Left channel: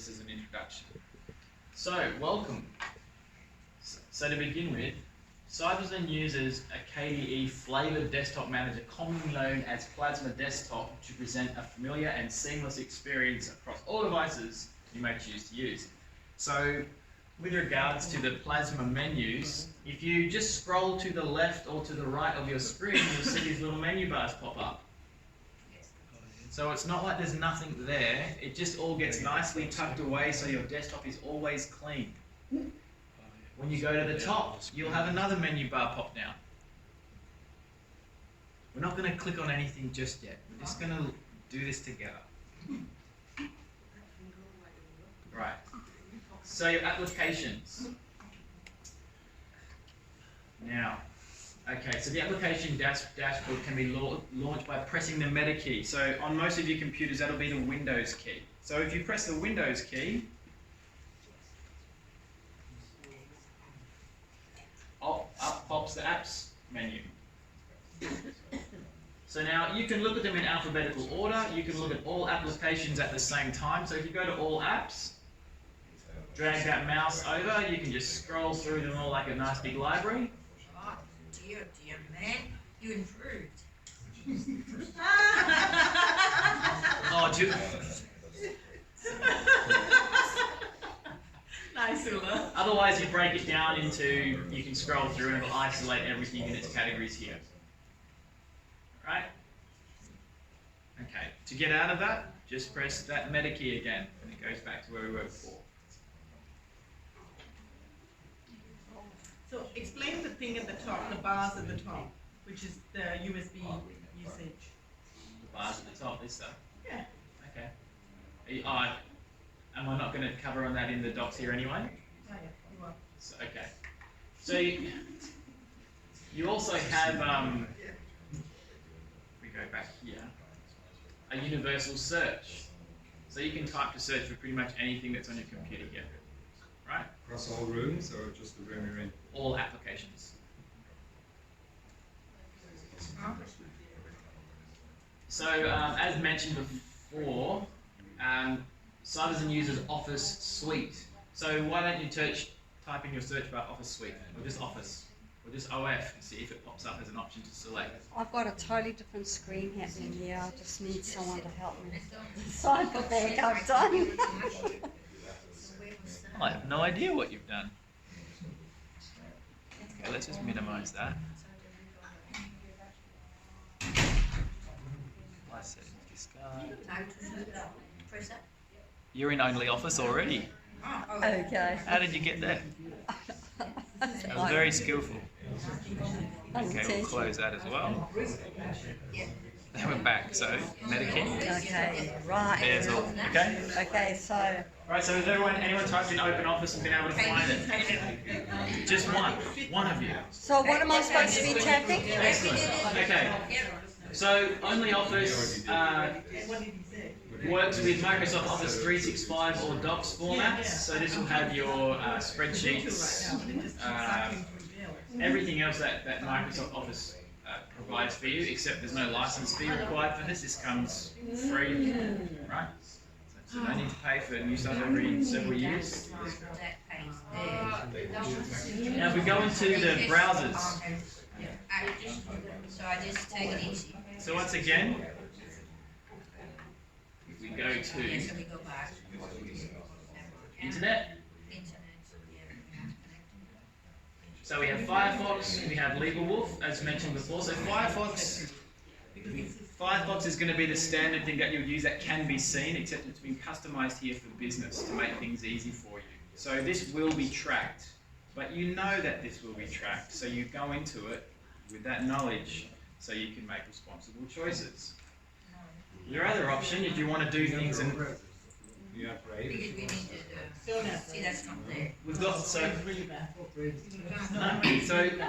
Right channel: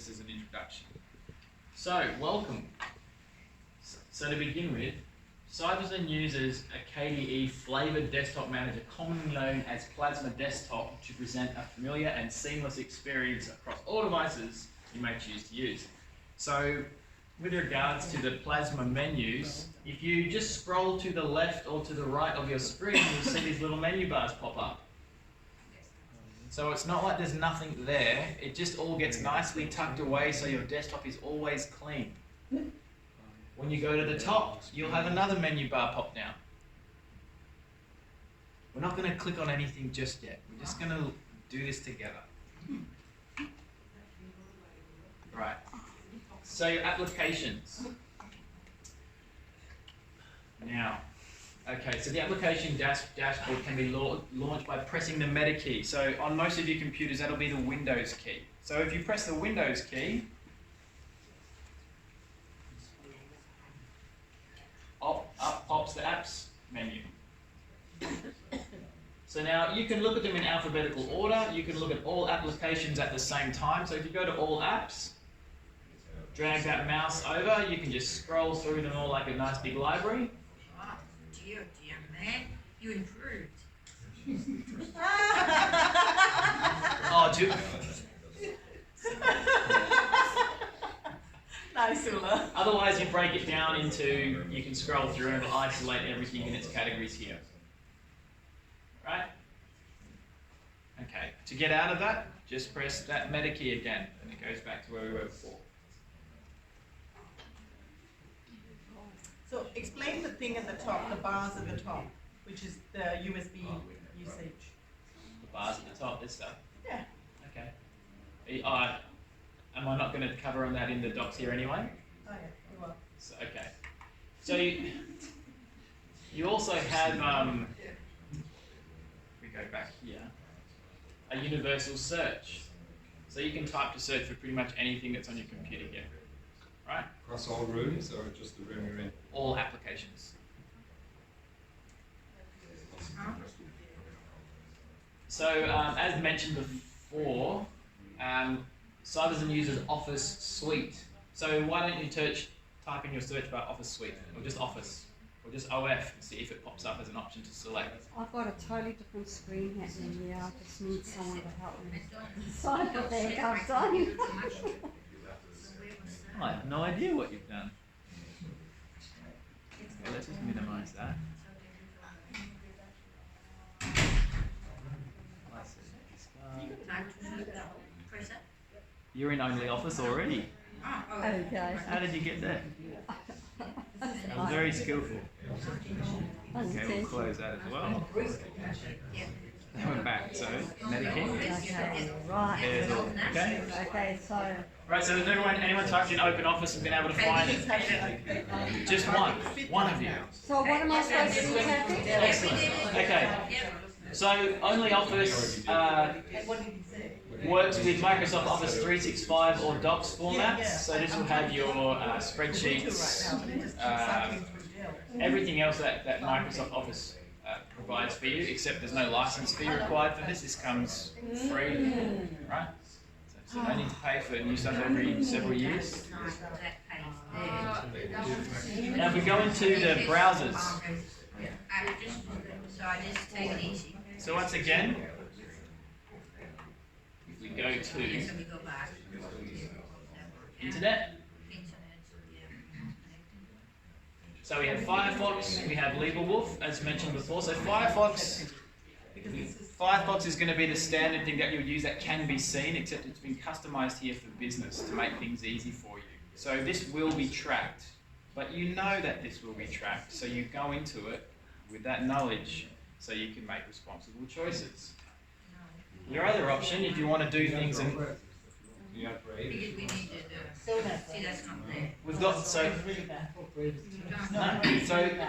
just as an introduction. So, welcome. So to begin with, Cyberzone uses a KDE flavored desktop manager, commonly known as Plasma Desktop, to present a familiar and seamless experience across all devices you may choose to use. So, with regards to the Plasma menus, if you just scroll to the left or to the right of your screen, you'll see these little menu bars pop up. So it's not like there's nothing there, it just all gets nicely tucked away so your desktop is always clean. When you go to the top, you'll have another menu bar pop down. We're not going to click on anything just yet, we're just going to do this together. Right, so your applications. Now, okay, so the application dashboard can be launched by pressing the meta key. So on most of your computers, that'll be the Windows key. So if you press the Windows key, up pops the apps menu. So now you can look at them in alphabetical order. You can look at all applications at the same time. So if you go to all apps, drag that mouse over, you can just scroll through them all like a nice big library. Dear man, you improved. Oh, Jubu. Nice, Ula. Otherwise, you break it down into, you can scroll through and it'll isolate everything in its categories here. Right? Okay, to get out of that, just press that meta key again, and it goes back to where we were before. So explain the thing at the top, the bars at the top, which is the USB usage. The bars at the top, this stuff? Yeah. Okay. Am I not going to cover on that in the docs here anyway? Oh yeah, you will. So, okay. So you also have, we go back here, a universal search. So you can type to search for pretty much anything that's on your computer here. Right? Across all rooms or just the room you're in? All applications. So, as mentioned before, Cyberzone uses Office Suite. So why don't you type in your search bar Office Suite, or just Office, or just OF, and see if it pops up as an option to select. I've got a totally different screen happening here. I just need someone to help me. Sorry for being outdone. I have no idea what you've done. Okay, let's just minimize that. You're in Only Office already. Okay. How did you get there? That was very skillful. Okay, we'll close that as well. Then we're back, so Medicare. Okay, right. There's all. Okay? Okay, so. Right, so has anyone typed in Open Office and been able to find it? Just one. One of you. So what am I supposed to be tapping? Excellent. Okay. So Only Office works with Microsoft Office 365 or Docs formats. So this will have your spreadsheets, everything else that Microsoft Office provides for you, except there's no license fee required for this. This comes free, right? So no need to pay for new stuff every several years. Now if we go into the browsers, so once again, if we go to Internet, so we have Firefox, we have LegalWolf, as mentioned before. So Firefox is going to be the standard thing that you'll use that can be seen, except it's been customized here for business to make things easy for you. So this will be tracked, but you know that this will be tracked, so you go into it with that knowledge so you can make responsible choices. Your other option, if you want to do things and we've got so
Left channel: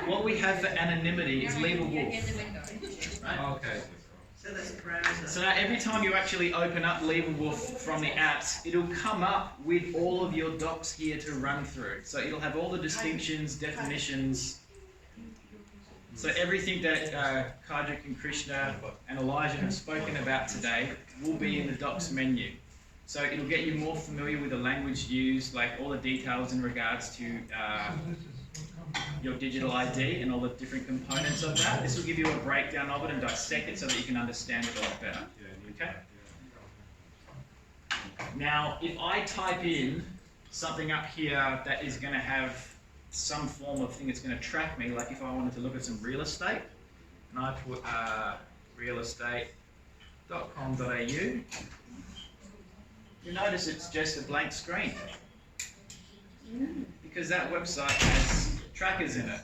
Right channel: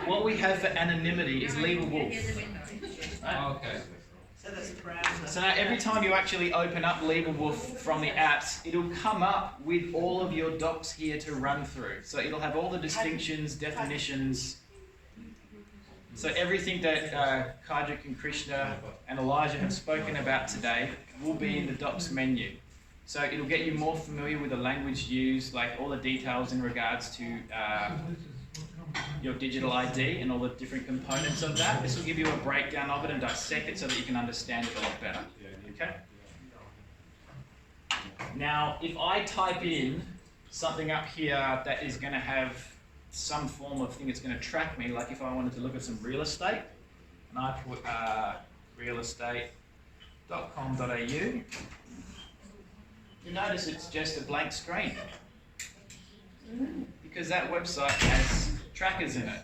what we have for anonymity is LegalWolf. Right? Okay. So that's browser. So now every time you actually open up LegalWolf from the apps, it'll come up with all of your docs here to run through. So it'll have all the distinctions, definitions. So everything that Kardrick and Krishna and Elijah have spoken about today will be in the docs menu. So it'll get you more familiar with the language used, like all the details in regards to your digital ID and all the different components of that. This will give you a breakdown of it and dissect it so that you can understand it a lot better. Okay? Now, if I type in something up here that is going to have some form of thing that's going to track me, like if I wanted to look at some real estate, and I put realestate.com.au, you notice it's just a blank screen because that website has trackers in it.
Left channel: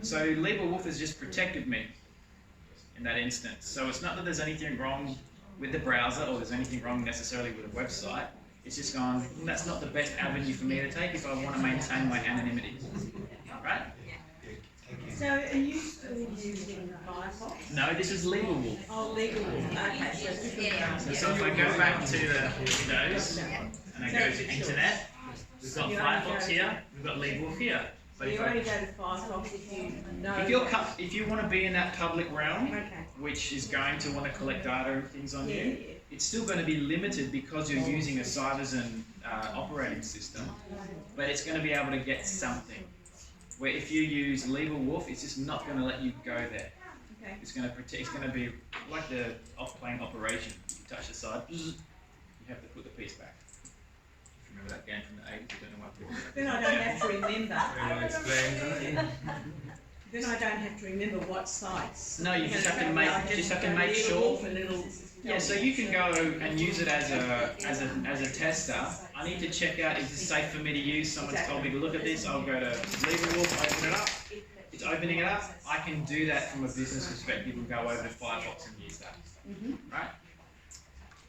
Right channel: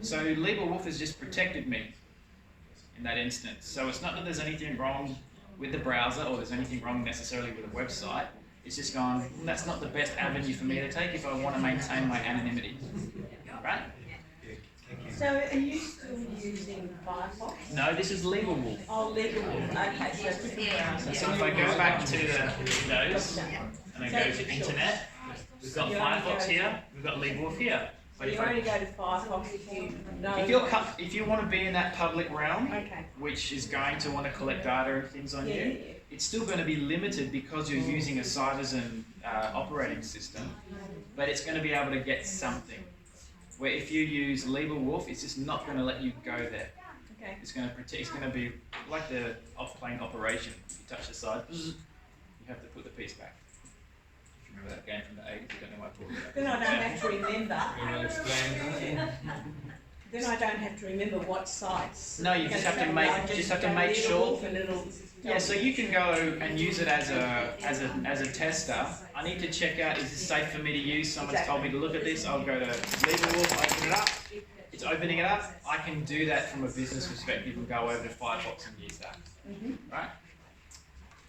So LegalWolf has just protected me in that instance. So it's not that there's anything wrong with the browser or there's anything wrong necessarily with the website. It's just gone, well, that's not the best avenue for me to take if I want to maintain my anonymity. Right? So are you still using Firefox? No, this is LegalWolf. Oh, LegalWolf. Okay, So if I go back to the Windows and I go to Internet, we've got Firefox here, we've got LegalWolf here. So But you only go to Firefox if you know. if you want to be in that public realm, Okay. which is going to want to collect data and things on you, it's still going to be limited because you're using a Sovereign operating system, but it's going to be able to get something. Where if you use LegalWolf, it's just not going to let you go there. Okay. It's going to protect. It's going to be like the off-plane operation. You touch the side, you have to put the piece back. If you remember that game from the 80s, you don't know what I'm talking about. Then I don't have to remember. Can I explain that? Then I don't have to remember what sites. No, you just have to make sure. Yeah, so you can go and use it as a tester. I need to check out, is this safe for me to use? Someone's told me to look at this. I'll go to LegalWolf, open it up. It's opening it up. I can do that from a business perspective and go over to Firefox and use that. Alright?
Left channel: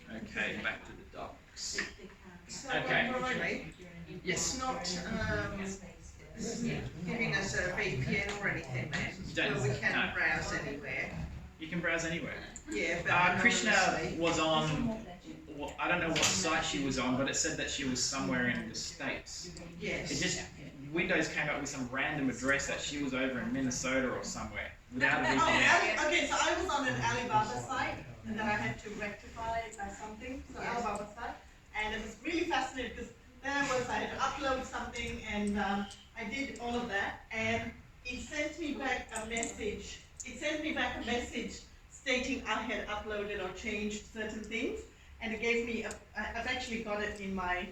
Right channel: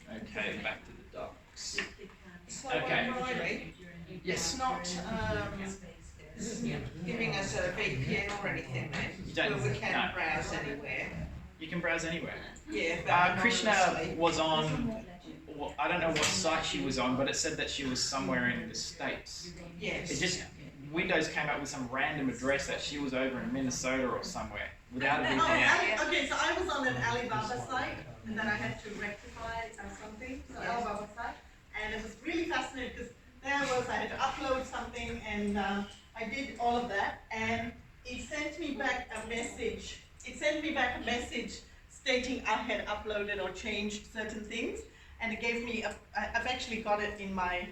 Okay, back to the docs. So Okay. Riley, Yes. it's not giving us a VPN or anything You then, don't- where we can no. browse anywhere. You can browse anywhere. Yeah, but Krishna anonymously. was on, well, I don't know what site she was on, but it said that she was somewhere in the States. Yes. It just, Windows came up with some random address that she was over in Minnesota or somewhere without a VPN. Okay, so I was on an Alibaba site, and then I had to rectify something, so Alibaba site, and it was really fascinating, because there I was, I had to upload something, and I did all of that, and it sent me back a message, stating I had uploaded or changed certain things, and it gave me, I've actually got it in my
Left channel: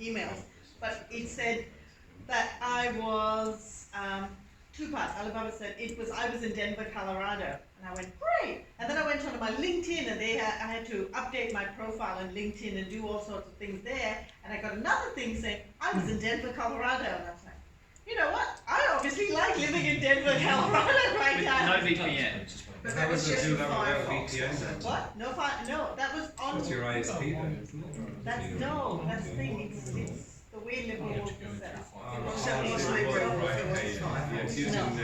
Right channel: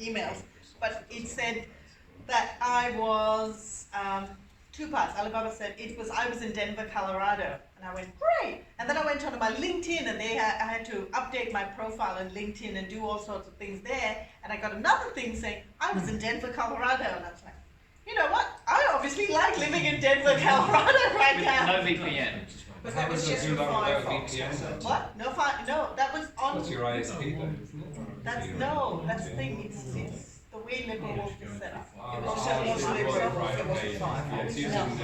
emails, but it said that I was, two parts. Alibaba said I was in Denver, Colorado, and I went, great. And then I went onto my LinkedIn, and I had to update my profile in LinkedIn and do all sorts of things there. And I got another thing saying I was in Denver, Colorado, and I was like, you know what? I obviously like living in Denver, Colorado right With now. no VPN. But How that was does it just do for that without Firefox. VPN then? What? No, that was on. What's your ISP then, isn't it? That's the thing. It's the way LibriVox is set up. Oh, It was so LibriVox, right, it was okay. Firefox. Yeah, it's using the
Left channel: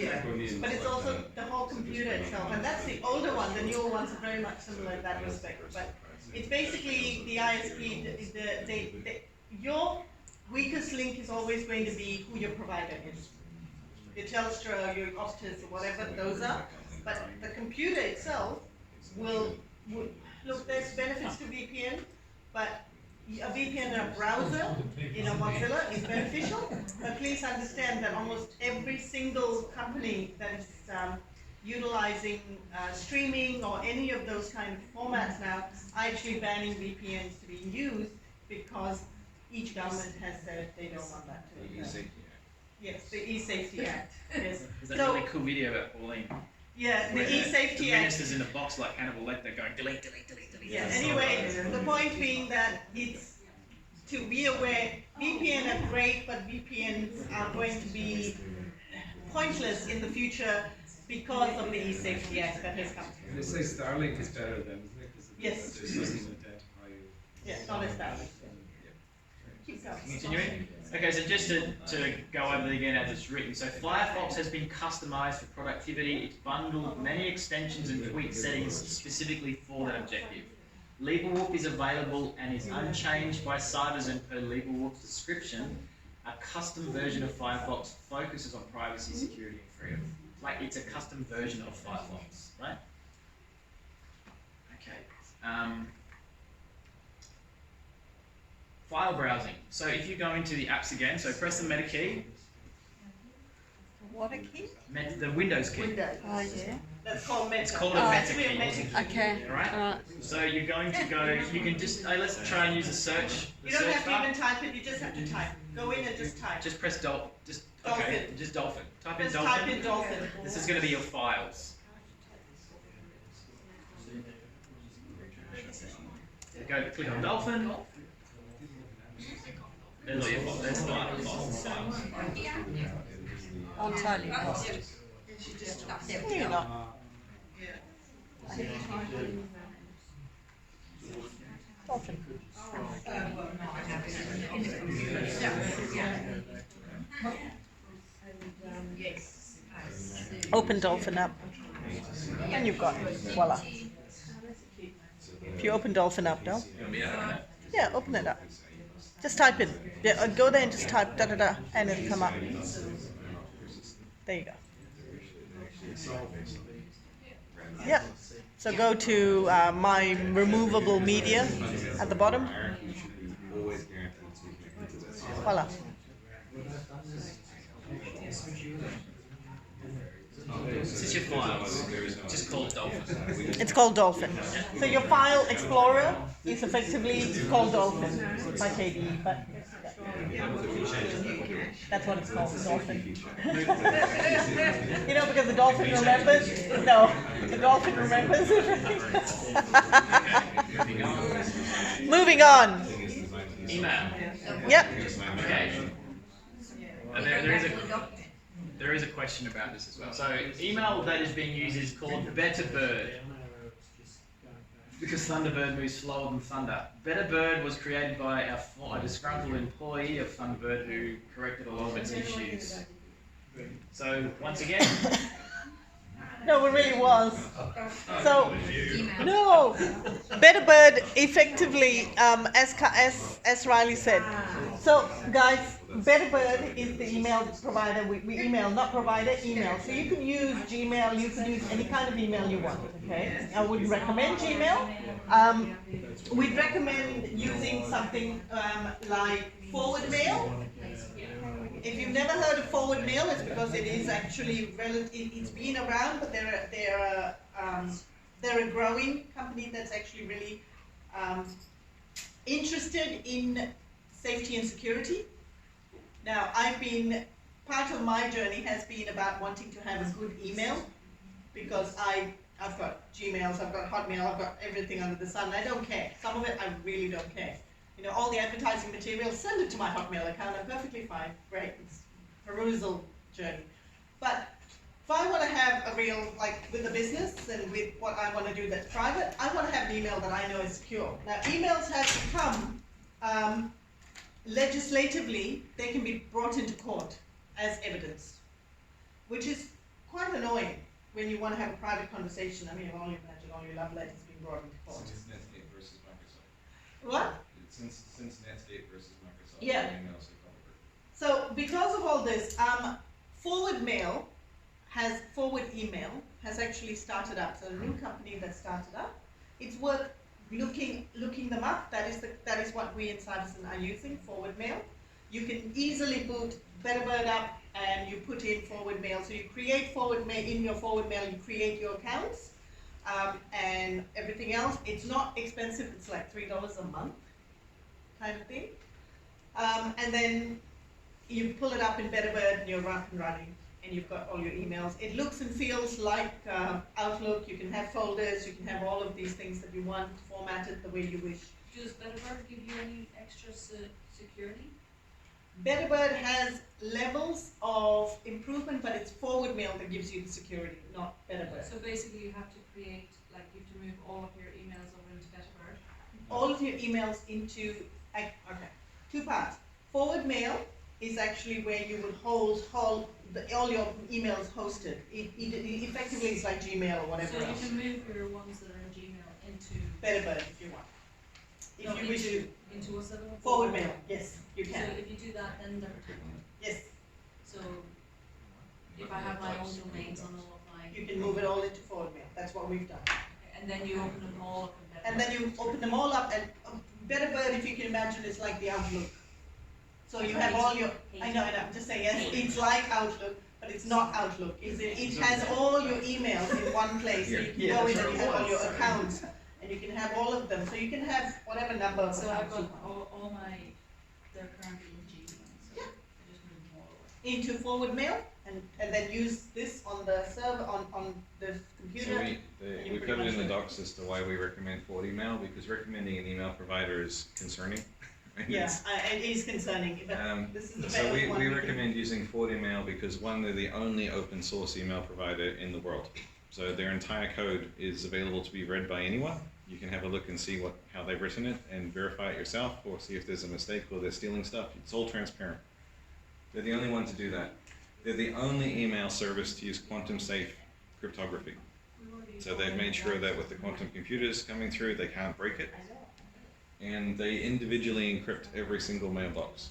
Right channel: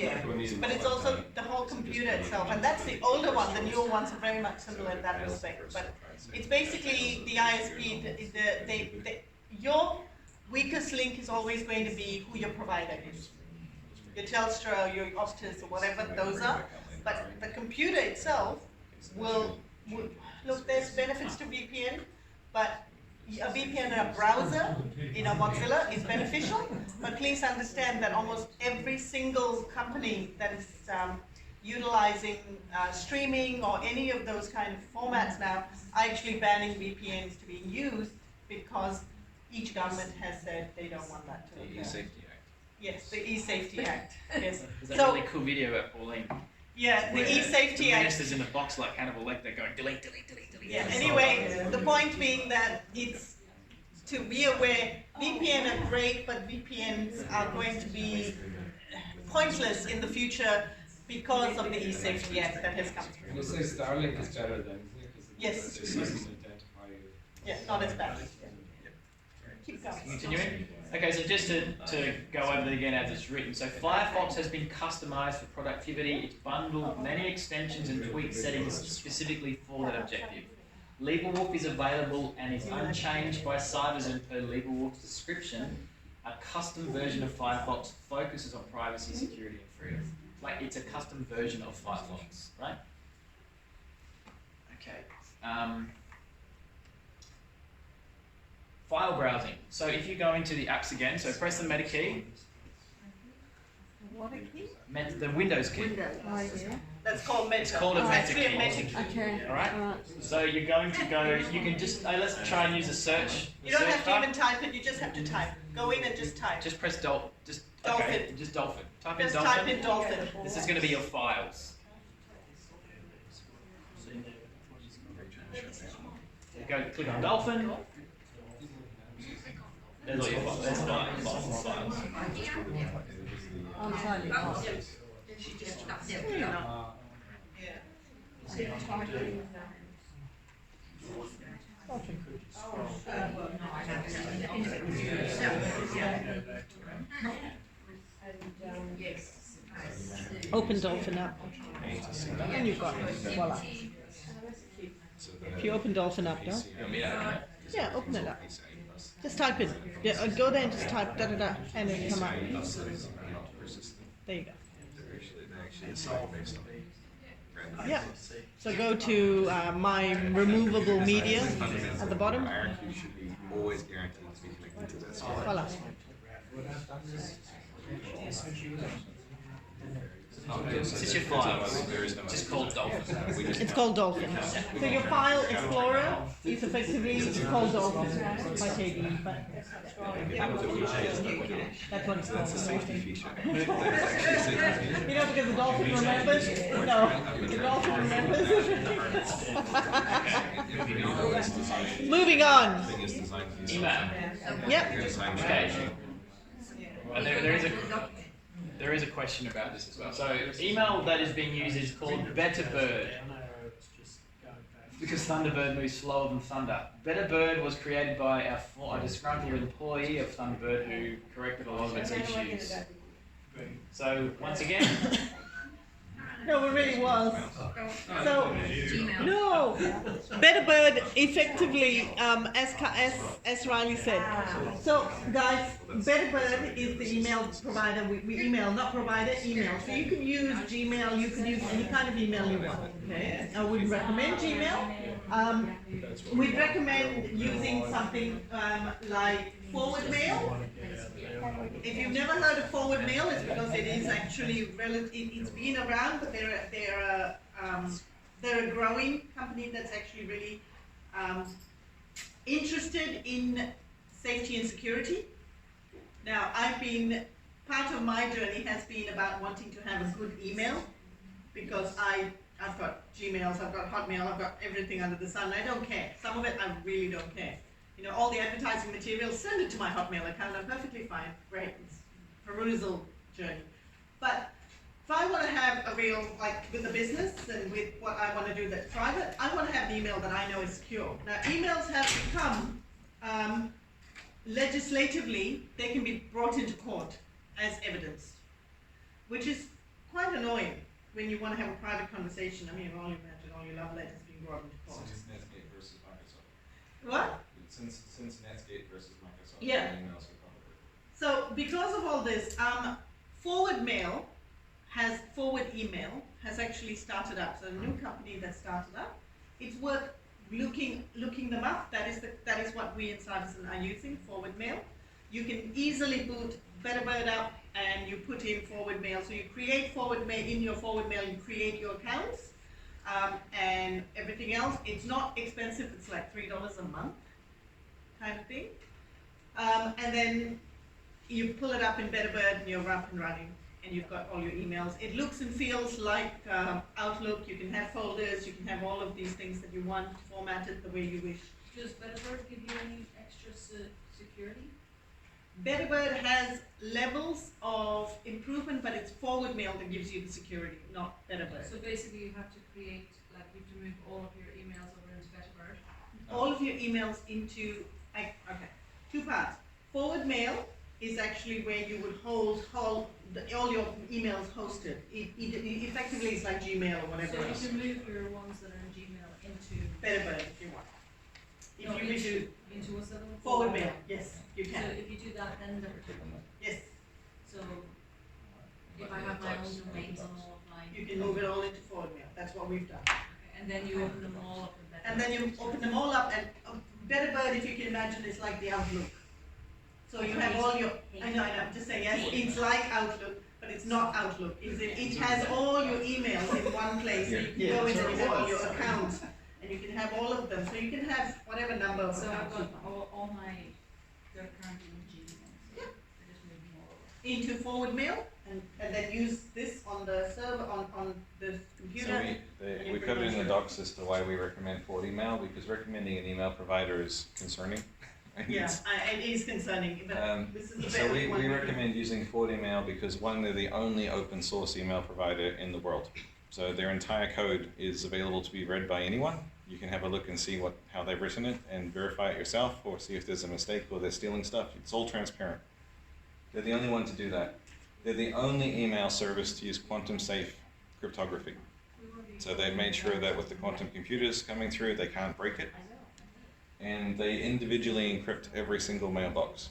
Yeah. Draconian But it's stuff, also the whole computer itself, and that's the older one. The newer ones are very much similar in that respect. But it's basically the ISP. Your weakest link is always going to be who your provider is. Your Telstra, your Optus, or whatever those are. But the computer itself will look. There's benefits to VPN, but a VPN in a browser in a Mozilla is beneficial. But please understand that almost every single company that is utilizing streaming or any of those kind of formats now are actually banning VPNs to be used because each government has said they don't want that to occur. Yes, the E-Safety Act. Yes. There's that really cool video about Pauline. Yeah, the where E-Safety the Act. minister's in a box like Hannibal Lecter going delete, delete, delete, delete. Yeah, anyway, the point being that it's to be aware, VPN are great, but VPNs are going to be pointless in the future because of the E-Safety Act that has come through. You say Starlink is better than, isn't it? 'Cause Yes. it doesn't identify you. Yeah, not as bad. Keep going. Continuing. Okay, so just to go over it again as it's written. So Firefox has been customized for productivity. It's bundled many extensions and tweak settings specifically for that objective. LegalWolf is available and is unchanged by Cyberzone per LegalWolf's description. A custom version of Firefox focuses on privacy, security, and freedom. Like it's a custom version of Firefox, right? Okay. file browsing. So if you go into the apps again, so press the meta key, What a key? the Windows key. Windows. Oh, yeah. That's called meta. It's called a That's meta actually key. a meta key. Okay. Alright? So you're going to go, you can just, let's try and use a search. The You don't search have to bar. even type it, you just have to type. Go in and just type. Just press okay, Dolphin. just dolphin. Type in Just dolphin. type in dolphin. This is going to be your files. Go click on dolphin. There's all your files. There's files. On totally. Really not. Yeah. Open Dolphin up, and you've got it. Voila. If you open Dolphin up, no? Yeah, open it up. Just type in. Yeah, go there and just type da da da, and it'll come up. There you go. Yeah. So go to my removable media at the bottom. Voila. This is your files. Just called dolphin. It's called Dolphin. So your file explorer is effectively called Dolphin by KDE, but that's what it's called. Dolphin. You know, because the dolphin remembers. No, the dolphin remembers. Moving on. Email. Yep. Okay. There is a question about this as well. So email that is being used is called Betterbird, because Thunderbird moves slower than Thunder. Betterbird was created by a disgruntled employee of Thunderbird who corrected a lot of its issues. So once again, No, it really was. So, no, Betterbird effectively, as Riley said. So, guys, Betterbird is the email provider. We email, not provider, email. So you can use Gmail. You can use any kind of email you want. Okay, I wouldn't recommend Gmail. We'd recommend using something like Forward Mail. If you've never heard of Forward Mail, it's because it is actually it's been around, but they're a growing company that's actually really interested in safety and security. Now, part of my journey has been about wanting to have a good email, because I've got Gmails, I've got Hotmail, I've got everything under the sun. I don't care. Some of it I really don't care. You know, all the advertising material, send it to my Hotmail account. I'm perfectly fine. Great. It's perusal journey. But if I want to have a real, like with the business and with what I want to do that's private, I want to have an email that I know is secure. Now, emails have become, legislatively, they can be brought into court as evidence, which is quite annoying when you want to have a private conversation. I mean, you only imagine all your love letters being brought into court. Since Netscape versus Microsoft. What? Since Netscape versus Microsoft. Yeah. Emails are covered. So because of all this, Forward Email has actually started up. So a new company that started up. It's worth looking them up. That is what we in Cybersyn are using, Forward Mail. You can easily boot Betterbird up and you put in Forward Mail. So you create Forward Mail in your Forward Mail. You create your accounts and everything else. It's not expensive. It's like $3 a month, kind of thing. And then you pull it up in Betterbird and you're up and running, and you've got all your emails. It looks and feels like Outlook. You can have folders, you can have all of these things that you want formatted the way you wish. Does Betterbird give you any extra security? Betterbird has levels of improvement, but it's Forward Mail that gives you the security, not Betterbird. So basically you have to create, like you have to move all of your emails over into Betterbird. All of your emails into, okay, two parts. Forward Mail is actually where you would hold all your emails hosted. It effectively is like Gmail or whatever So you else. can move your ones that are in Gmail into Betterbird if you want. If No, you wish to, into what's that one? Forward Mail, yes, you So can. if you do that, then they're Yes, so if I have my own domains on all of mine, you can move it all into Forward Mail. That's what we've done. and then you open them all up in Betterbird. And then you open them all up, and Betterbird, if you can imagine it's like the Outlook. So you have all your, I know, just say yes, it's like Outlook, but it's not Outlook. It has all your emails in one place, so you can go in and you have all your accounts, and you can have all of them, so you can have whatever number of So I've accounts you got want. all my, they're currently in Gmail, so I just move them all over. Into forward mail, and then use this on the server, on the computer. So you we pretty covered in the much docs as to why we recommend forward email, because recommending an email provider is concerning. And Yeah, it's- it is concerning, but this is the So better we one. recommend using forward email because one, they're the only open source email provider in the world. So their entire code is available to be read by anyone. You can have a look and see how they've written it and verify it yourself, or see if there's a mistake or they're stealing stuff. It's all transparent. They're the only one to do that. They're the only email service to use quantum safe cryptography. So they've made sure that with the quantum computers coming through, they can't break it. And they individually encrypt every single mailbox.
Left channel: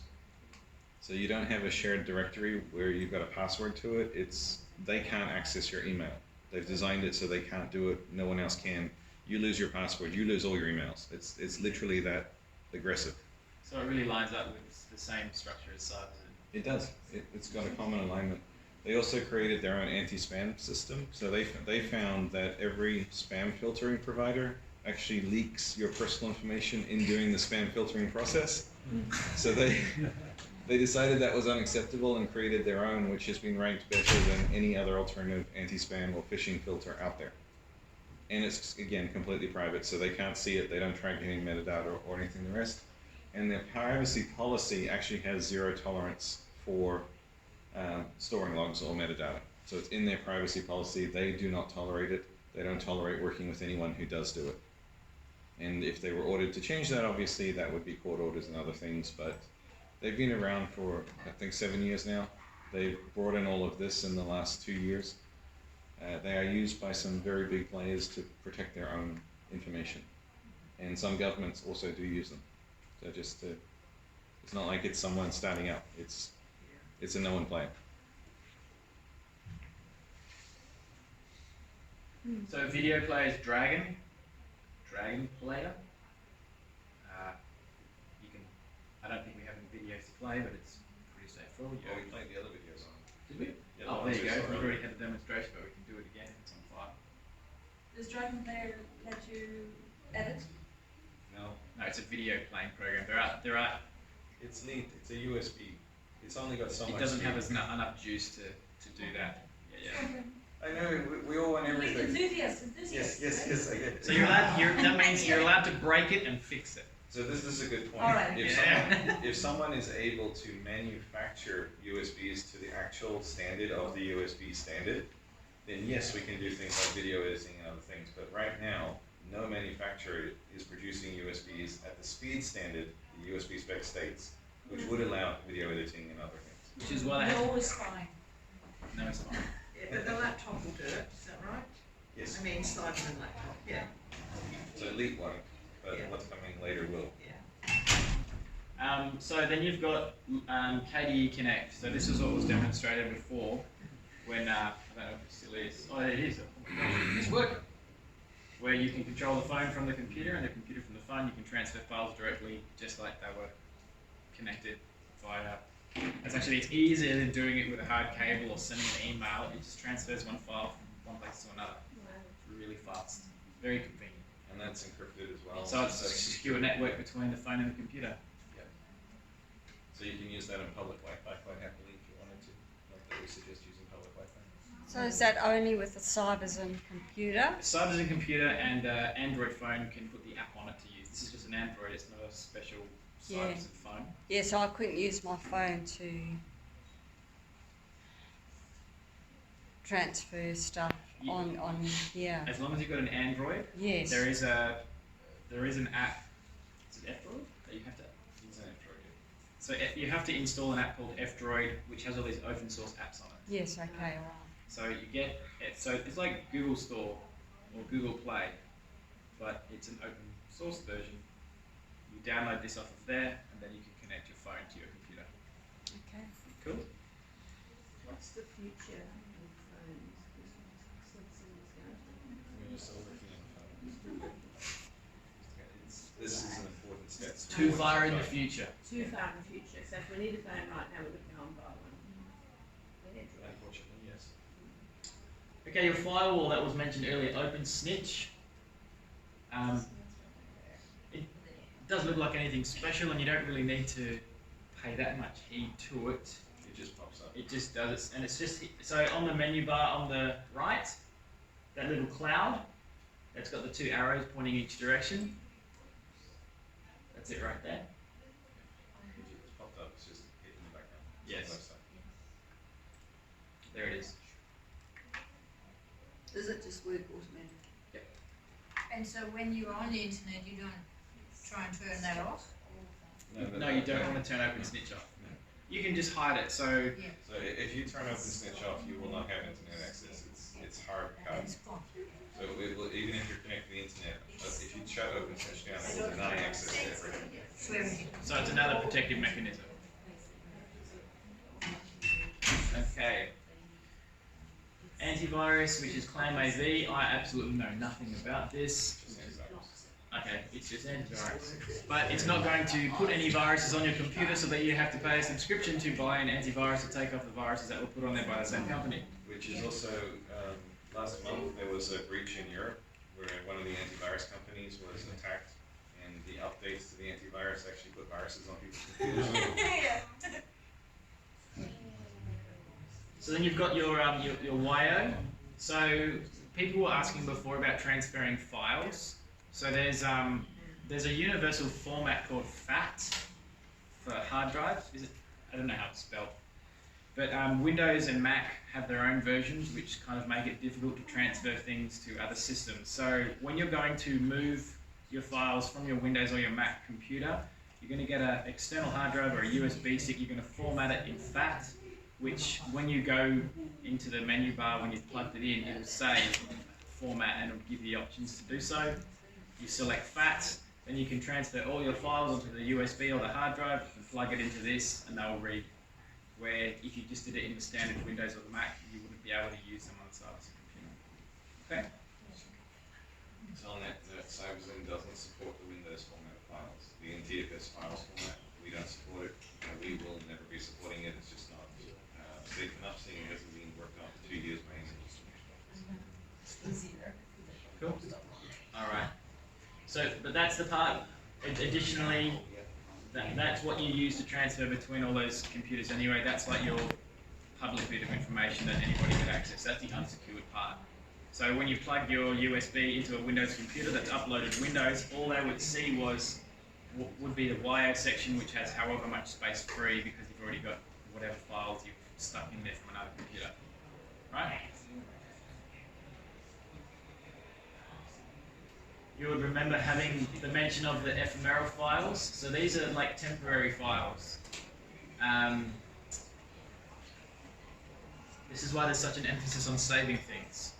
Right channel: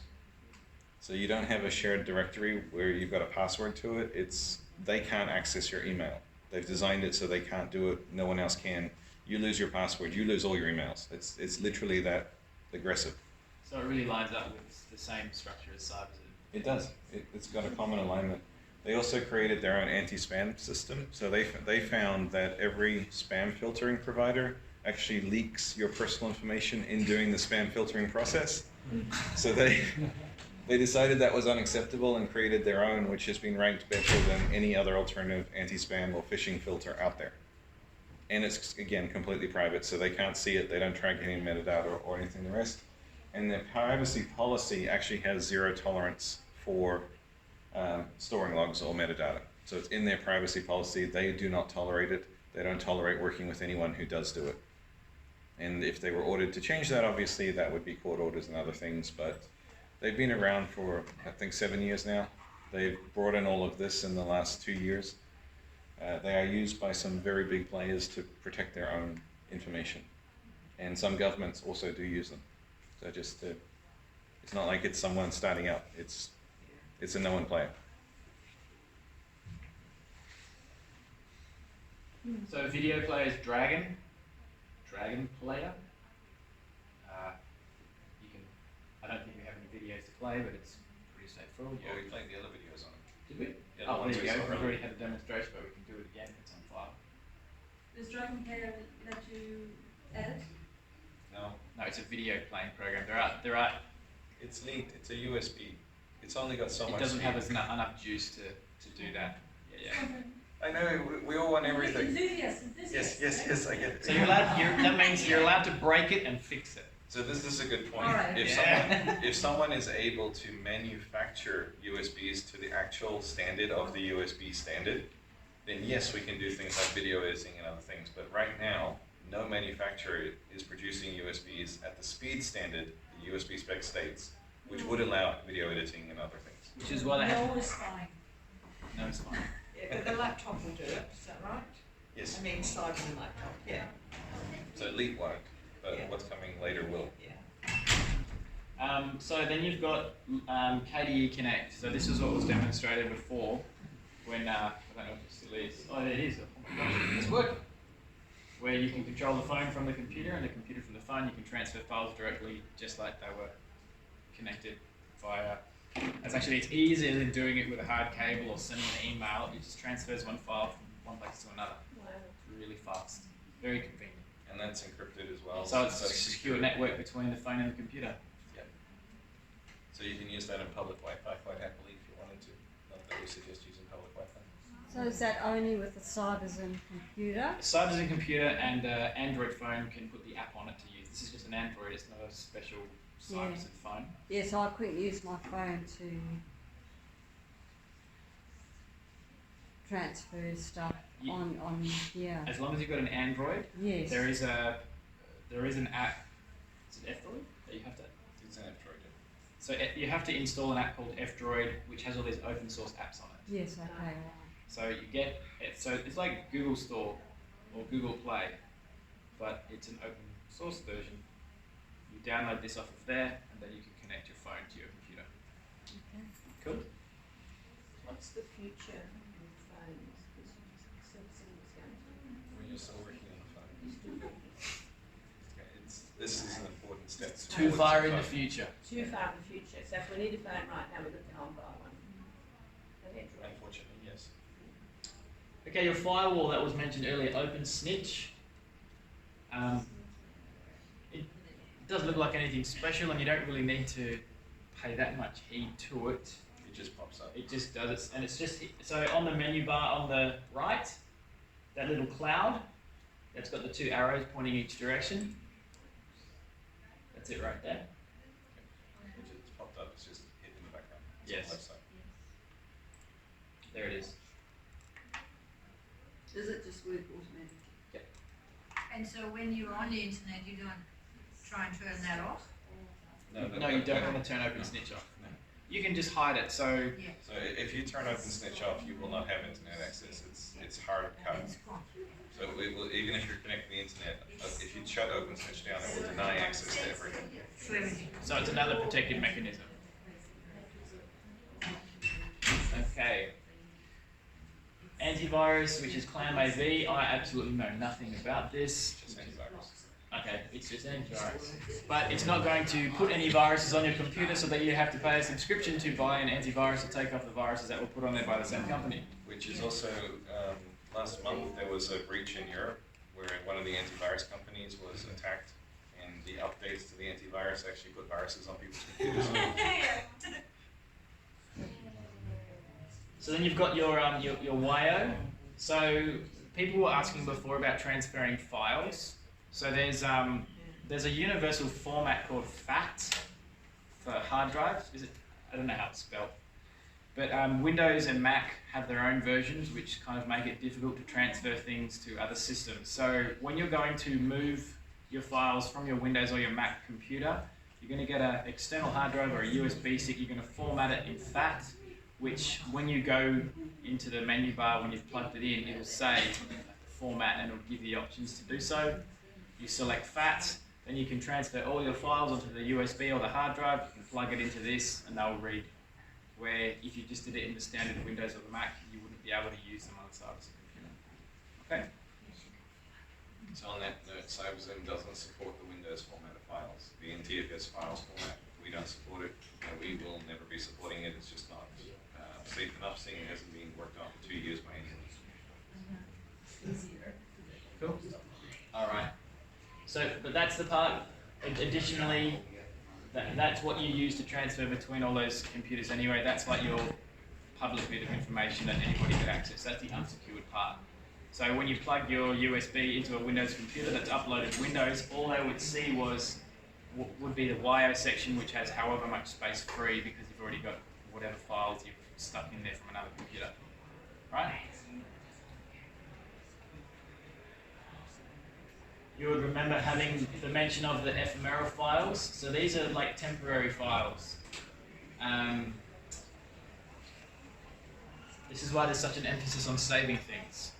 So you don't have a shared directory where you've got a password to it. They can't access your email. They've designed it so they can't do it. No one else can. You lose your password, you lose all your emails. It's literally that aggressive. So it really lines up with the same structure as Sovereign. It does. It's got a common alignment. They also created their own anti-spam system. So they found that every spam filtering provider actually leaks your personal information in doing the spam filtering process. So they decided that was unacceptable and created their own, which has been ranked better than any other alternative anti-spam or phishing filter out there. And it's, again, completely private, so they can't see it, they don't track any metadata or anything the rest. And their privacy policy actually has zero tolerance for storing logs or metadata. So it's in their privacy policy, they do not tolerate it, they don't tolerate working with anyone who does do it. And if they were ordered to change that, obviously that would be court orders and other things, but they've been around for, I think, 7 years now. They've brought in all of this in the last 2 years. They are used by some very big players to protect their own information. And some governments also do use them. So it's not like it's someone starting up, it's a known player. So video player is Dragon player. You can. I don't think we have any videos to play, but it's pretty straightforward. Yeah, we played the other videos on. Did we? Yeah, Oh, the there you ones we go. saw We've earlier. already had a demonstration, but we can do it again if it's on file. Does Dragon Player let you edit? No, No, it's a video playing program. There are. it's neat. It's a USB. It's only got so much. It doesn't have speed. enough juice to do that. Yeah. I know, we all want everything. Enthusiasts, Yes, I get it. So that means you're allowed to break it and fix it. So this is a good point. All right. If someone is able to manufacture USBs to the actual standard of the USB standard, then yes, we can do things like video editing and other things. But right now, no manufacturer is producing USBs at the speed standard the USB spec states, which would allow video editing and other things. Which is why they have. No is fine. No, it's fine. Yeah, the laptop will do it, is that right? Yes. I mean, inside the laptop, yeah, So Elite won't, but Yeah. what's coming later will. yeah. So then you've got KDE Connect. So this is what was demonstrated before when, I don't know if it still is. Oh, it is. Oh my gosh, it's working. Where you can control the phone from the computer and the computer from the phone. You can transfer files directly just like they were connected via. It's easier than doing it with a hard cable or sending an email. It just transfers one file from one place to another. It's really fast. Very convenient. And that's encrypted as well. So it's a secure network between the phone and the computer. So you can use that in public Wi-Fi quite happily if you wanted to. Not that we suggest using public Wi-Fi. So is that only with the Cyberzone computer? Cyberzone computer and Android phone can put the app on it to use. This is just an Android. It's not a special Cyberzone phone. Yeah, so I couldn't use my phone to transfer stuff Yeah. on here. As long as you've got an Android, Yes. there is an app. Is it F-Droid that you have to? It's an Android. So you have to install an app called F-Droid, which has all these open source apps on it. Yes, okay. So you get it. So it's like Google Store or Google Play, but it's an open source version. You download this off of there, and then you can connect your phone to your computer. Okay. Cool. What's the future of phones? When you're still working on phones. This is an important step. Too far in the future. Too far in the future, so if we need a phone right now, we can't buy one. Unfortunately, yes. Okay, your firewall that was mentioned earlier, Open Snitch. It doesn't look like anything special, and you don't really need to pay that much heed to it. It just pops up. It just does it, and it's just so on the menu bar on the right, that little cloud that's got the two arrows pointing each direction. That's it right there. It's popped up. It's just hidden in the background. It's Yes. on the left side. There it is. Does it just work automatically? And so when you're on the internet, you don't try and turn that off? No, you don't want to turn Open Snitch off. No. You can just hide it. So So if you turn Open Snitch off, you will not have internet access. It's hard cut. It's gone. So it will, even if you're connecting the internet, but if you shut Open Snitch down, it will deny access to everything. So everything. So it's another protective mechanism. Okay. Antivirus, which is ClamAV. I absolutely know nothing about this. Just antivirus. Okay, it's just antivirus. But it's not going to put any viruses on your computer so that you have to pay a subscription to buy an antivirus to take off the viruses that were put on there by the same company. Which is also, last month there was a breach in Europe where one of the antivirus companies was attacked, and the updates to the antivirus actually put viruses on people's computers. So then you've got your YO. So people were asking before about transferring files. So there's a universal format called FAT for hard drives. Is it? I don't know how it's spelled. But Windows and Mac have their own versions, which kind of make it difficult to transfer things to other systems. So when you're going to move your files from your Windows or your Mac computer, you're going to get an external hard drive or a USB stick. You're going to format it in FAT, which when you go into the menu bar, when you've plugged it in, it'll say format and it'll give you the options to do so. You select FAT, then you can transfer all your files onto the USB or the hard drive and plug it into this and they'll read. Where if you just did it in the standard Windows or the Mac, you wouldn't be able to use them on the side of the computer. Okay. So on that note, Sovereign doesn't support the Windows format of files. The NTFS files format, we don't support it, and we will never be supporting it. It's just not safe enough, seeing it hasn't been worked on for 2 years by anyone. Cool. All right. So, but that's the part. Additionally, that's what you use to transfer between all those computers anyway. That's like your public bit of information that anybody could access. That's the unsecured part. So when you plug your USB into a Windows computer that's uploaded Windows, all they would see would be the YO section, which has however much space free because you've already got whatever files you've stuck in there from another computer. Right? You would remember having the mention of the ephemeral files. So these are like temporary files. This is why there's such an emphasis on saving things.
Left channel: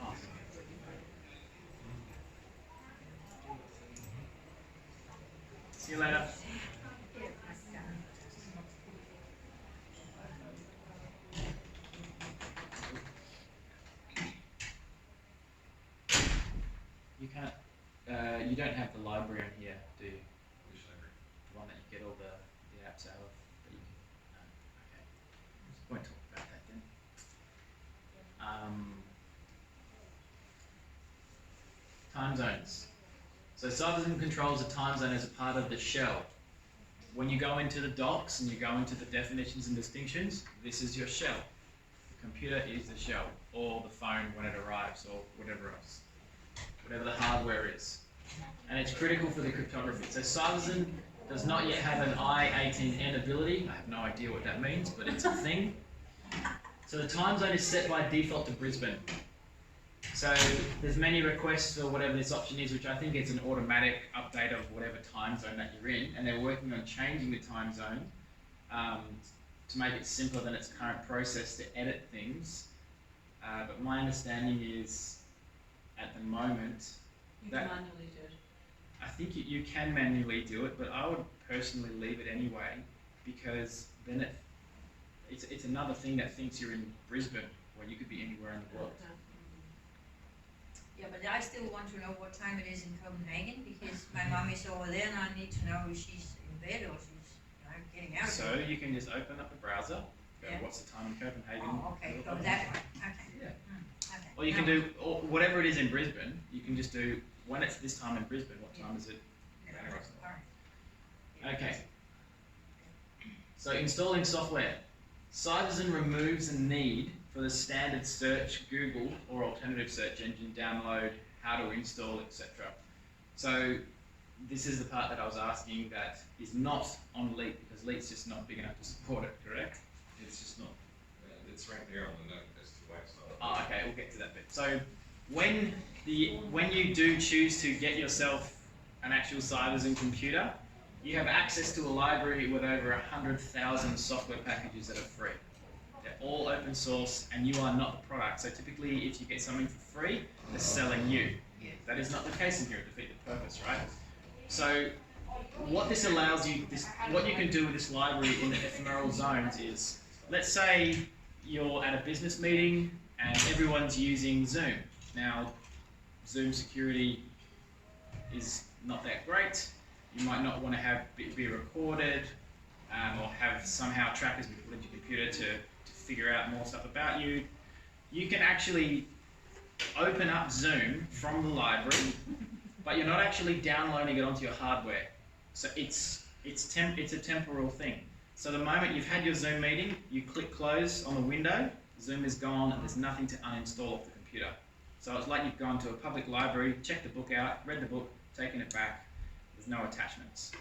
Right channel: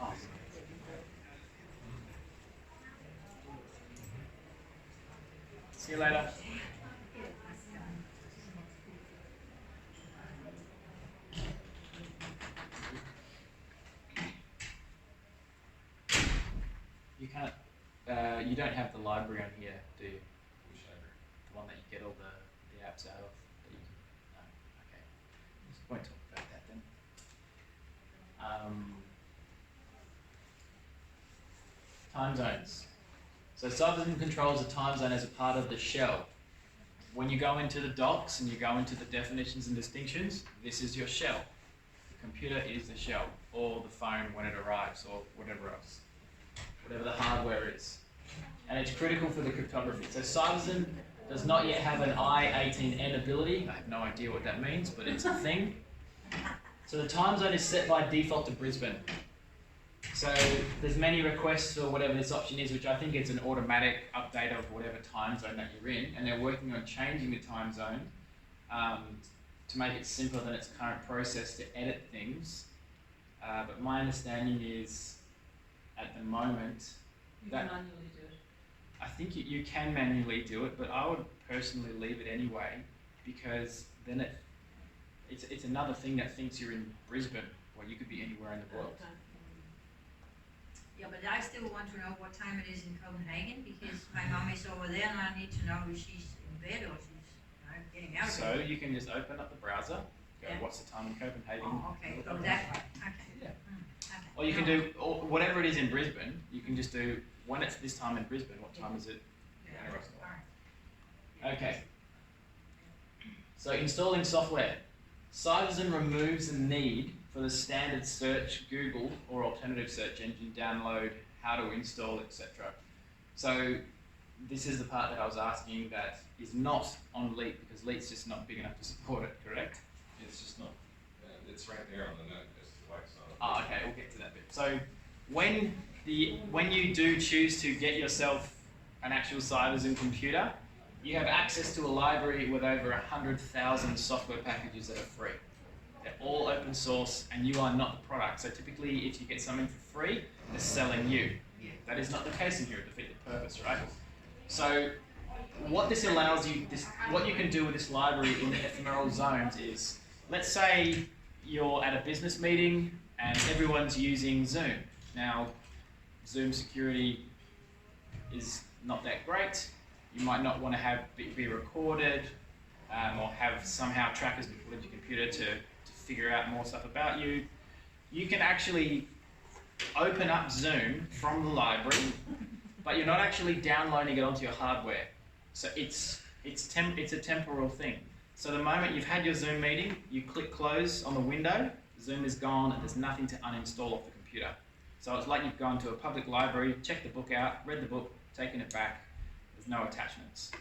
Oh. See you later. You can't. You don't have the library on here, do you? Which library? The one that you get all the apps out of. That you can, okay. Just won't talk about that then. Time zones. So Sovereign controls the time zone as a part of the shell. When you go into the docs and you go into the definitions and distinctions, this is your shell. The computer is the shell, or the phone when it arrives, or whatever else. Whatever the hardware is. And it's critical for the cryptography. So Sovereign does not yet have an I-18N ability. I have no idea what that means, but it's a thing. So the time zone is set by default to Brisbane. So there's many requests for whatever this option is, which I think it's an automatic update of whatever time zone that you're in, and they're working on changing the time zone to make it simpler than its current process to edit things. But my understanding is, at the moment, You can manually do it. I think you can manually do it, but I would personally leave it anyway, because then it's another thing that thinks you're in Brisbane, or you could be anywhere in the world. Yeah, but I still want to know what time it is in Copenhagen, because my mom is over there and I need to know if she's in bed or she's getting out. So you can just open up the browser, go, Yeah. what's the time in Copenhagen? Oh, okay, go that way, okay. Yeah. Okay. Or you can No. do, or whatever it is in Brisbane, you can just do, when it's this time in Brisbane, what time is it? Yeah, Around the rest of alright. Okay. So installing software. Cyberzone removes the need for the standard search Google or alternative search engine download, how to install, etc. So this is the part that I was asking that is not on Leap because Leap's just not big enough to support it, correct? It's just not, it's right there on the note as to why it's not. Oh, okay, we'll get to that bit. So when you do choose to get yourself an actual Cyberzone computer, you have access to a library with over 100,000 software packages that are free. They're all open source and you are not the product. So typically if you get something for free, they're selling you. That is not the case in here, it defeats the purpose, right? So what this allows you, what you can do with this library in the ephemeral zones is, let's say you're at a business meeting and everyone's using Zoom. Now, Zoom security is not that great. You might not want to have be recorded or have somehow trackers be put into your computer to figure out more stuff about you. You can actually open up Zoom from the library, but you're not actually downloading it onto your hardware. So it's a temporal thing. So the moment you've had your Zoom meeting, you click close on the window, Zoom is gone and there's nothing to uninstall off the computer. So it's like you've gone to a public library, checked the book out, read the book, taken it back, there's no attachments.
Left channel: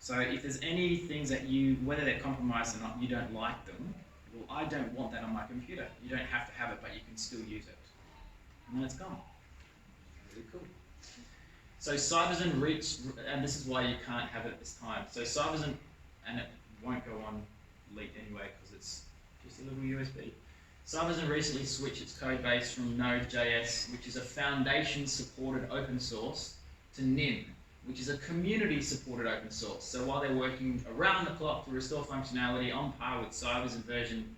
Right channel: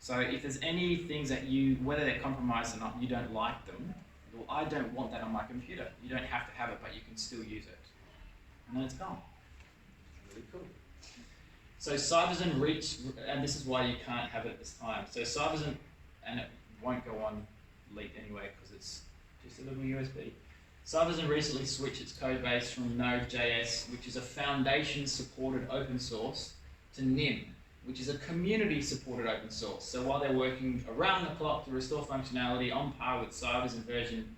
So if there's any things that whether they're compromised or not, you don't like them, well, I don't want that on my computer. You don't have to have it, but you can still use it. And then it's gone. Really cool. So Cyberzone reached, and this is why you can't have it at this time. So Cyberzone, and it won't go on Leap anyway because it's just a little USB. Cyberzone recently switched its code base from Node.js, which is a foundation-supported open source, to NIM, which is a community-supported open source. So while they're working around the clock to restore functionality on par with Cyberzone version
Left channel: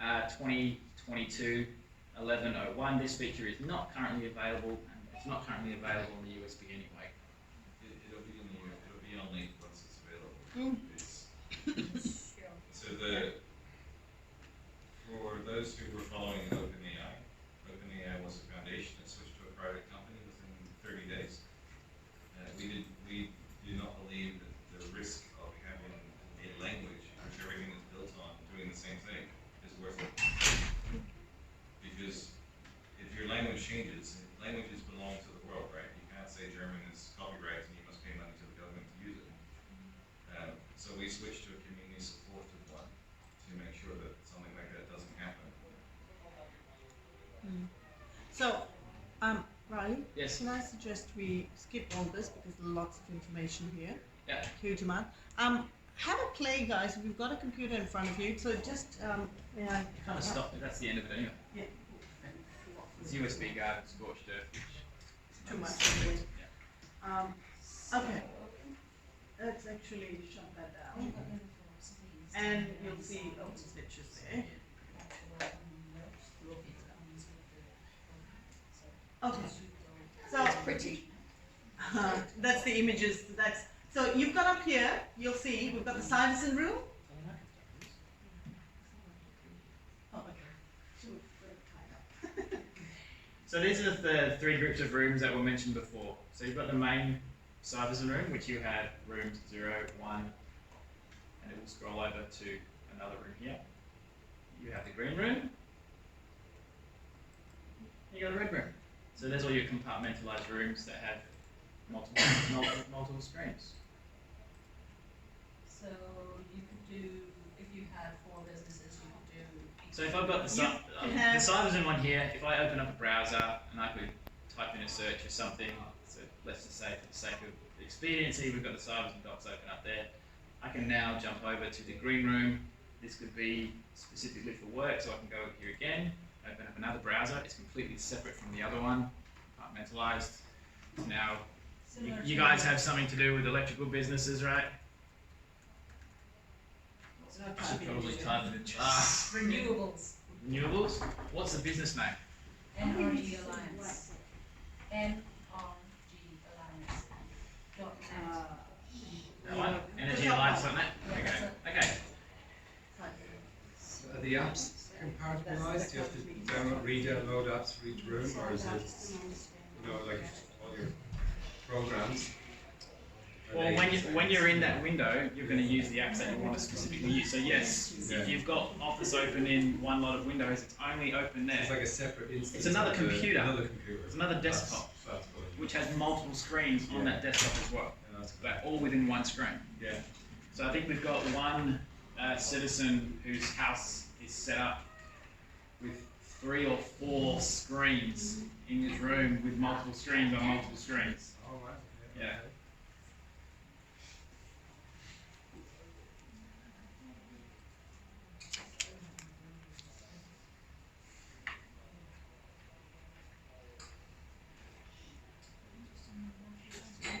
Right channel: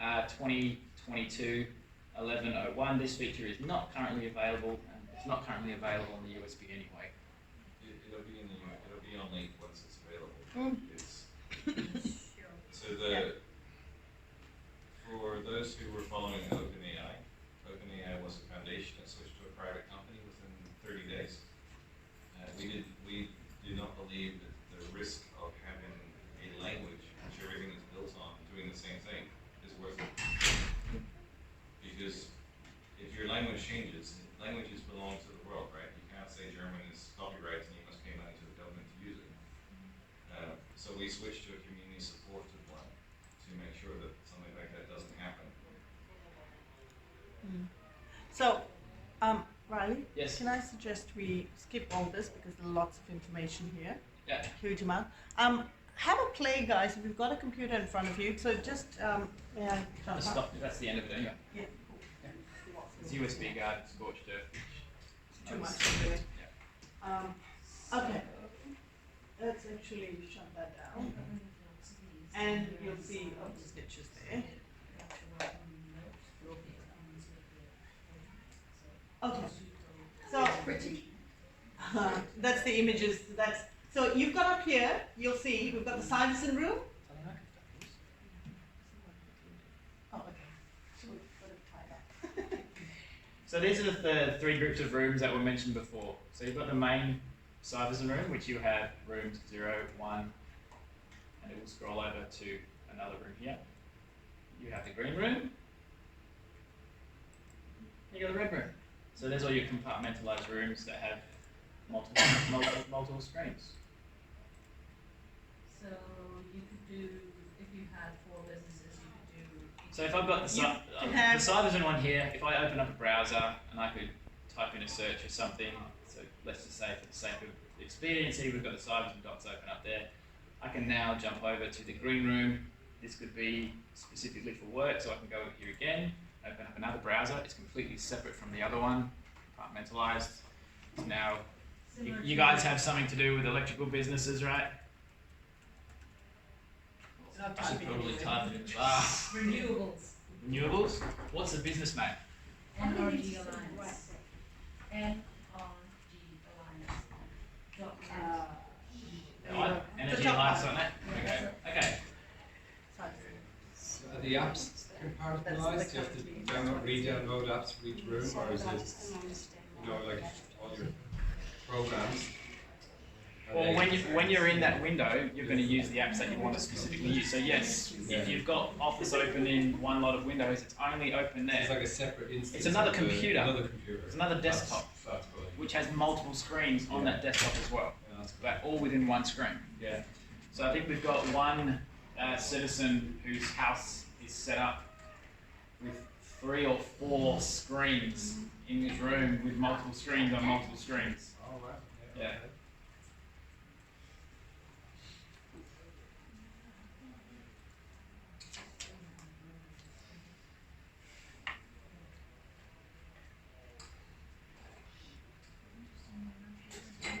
2022 11.01, this feature is not currently available, and it's not currently available on the USB anyway. It'll be on Leap once it's available. So for those who were following OpenAI was a foundation that switched to a private company within 30 days. We do not believe that the risk of having a language which everything is built on doing the same thing is worth it. Because if your language changes, languages belong to the world, right? You can't say German is copyright and you must pay money to the government to use it. So we switched to a community-supported one to make sure that something like that doesn't happen. So, Riley? Yes. Can I suggest we skip all this because there's lots of information here? Yeah. Huge amount. Have a play, guys. If you've got a computer in front of you, so just yeah. Kind of stopped it. That's the end of it anyway. Yeah. It's USB guard and scorched earth, which Too is much anyway. Yeah. Okay. Let's actually shut that down. And you'll see open stitches there. Okay. So Pretty. that's the images. So you've got up here. You'll see we've got the Cyberzone room. Oh, okay. So these are the three groups of rooms that were mentioned before. So you've got the main Cyberzone room, which you have rooms 0, 1, and it will scroll over to another room here. You have the green room. You got the red room. So there's all your compartmentalized rooms that have multiple screens. So you could do, if you had 4 businesses, you could do. So if I've got the Cyberzone one here, if I open up a browser and I could type in a search or something, so let's just say for the sake of expediency, we've got the Cyberzone docs open up there. I can now jump over to the green room. This could be specifically for work, so I can go here again, open up another browser. It's completely separate from the other one, compartmentalized. Now, you guys have something to do with electrical businesses, right? I should probably type it. Renewables. Renewables? What's the business name? NRG Alliance. NRG Alliance. Right? Energyaligns.net. Okay. Okay. So are the apps compartmentalized? Do you have to download, re-download apps for each room, or is it, like all your programs? Well, when you're in that window, you're going to use the apps that you want to specifically use. So yes, if you've got Office open in one lot of windows, it's only open there. It's like a separate instance. It's another of computer. Another computer. It's another desktop, That's fine. which has multiple screens on that desktop as well, Yeah, that's but all within one screen. Yeah. So I think we've got one citizen whose house is set up with 3 or 4 screens in his room with multiple screens on multiple screens. Oh, right. Yeah. Okay.